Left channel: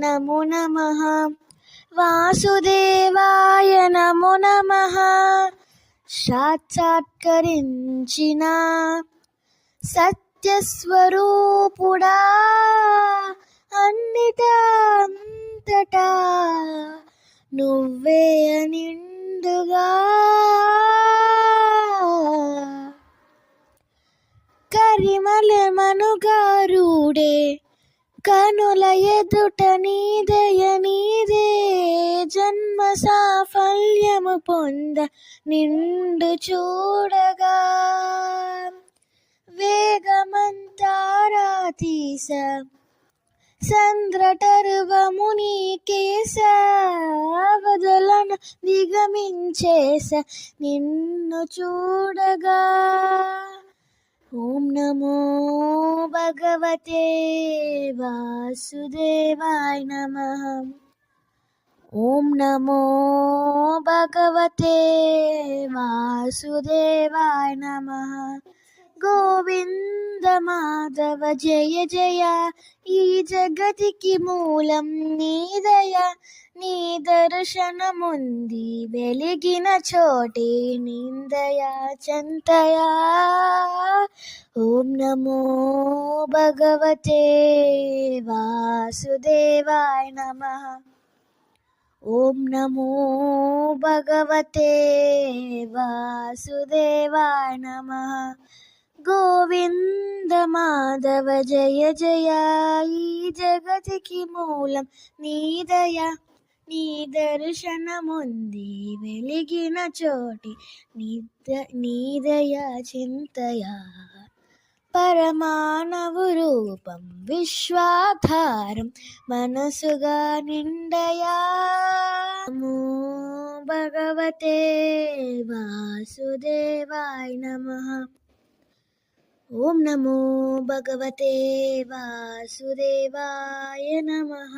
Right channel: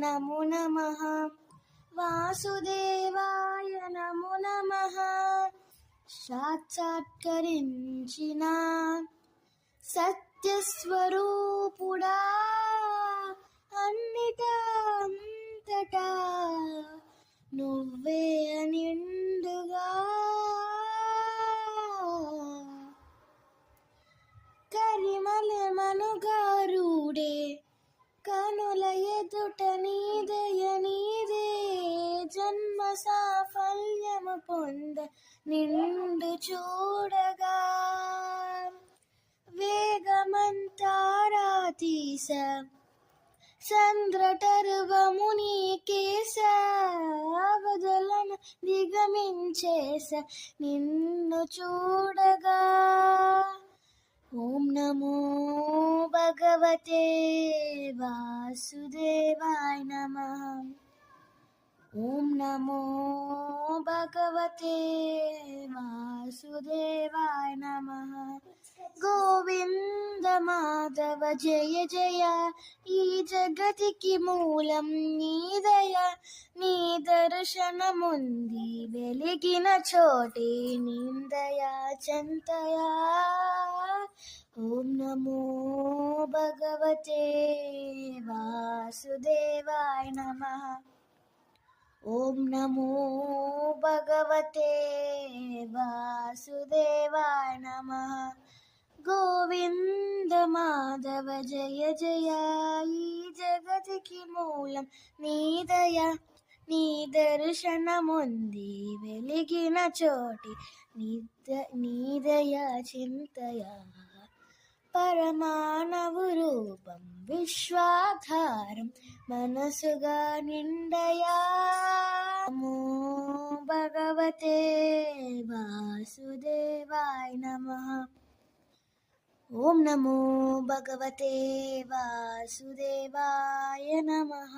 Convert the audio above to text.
నమో నమః వాసుదేవాయ నమో నమః సాక్షాత్కరించిన సత్యస్వరూపుడా అన్నిటా అంతటా నువ్వే నిండుగా కరిమలమనుగారుడే కనుల ఎదుట నీదయ నీదే జన్మ సాఫల్యము పొంద నిండు చూడగా వేగమంతారా తీస సంద్రటర్వము నీకేస అవధులన దిగమించేస నిన్ను చూడగా ఓం నమో భగవతే వాసుదేవాయ నమః ఓం నమో భగవతే వాసుదేవాయ నమః గోవింద మాధవ జయ జయ ఈ జగతికి మూలం నీదయ నీ దర్శనముంది వెలిగిన చోటే నిందయా చంతయా ఓం నమో భగవతే వాసుదేవాయ నమః ఓం నమో భగవతే వాసుదేవాయ నమః గోవింద మాధవ జయ జయ ఈ జగతికి మూలం నీదయ నీ దర్శనముంది వెలిగిన చోటి నీదయ చింతయా పరమాణవు రూపం విశ్వాధారం మనసుగా నిండయా నమో భగవతే వాసుదేవాయ నమః ఓం నమో భగవతే వాసుదేవాయ నమః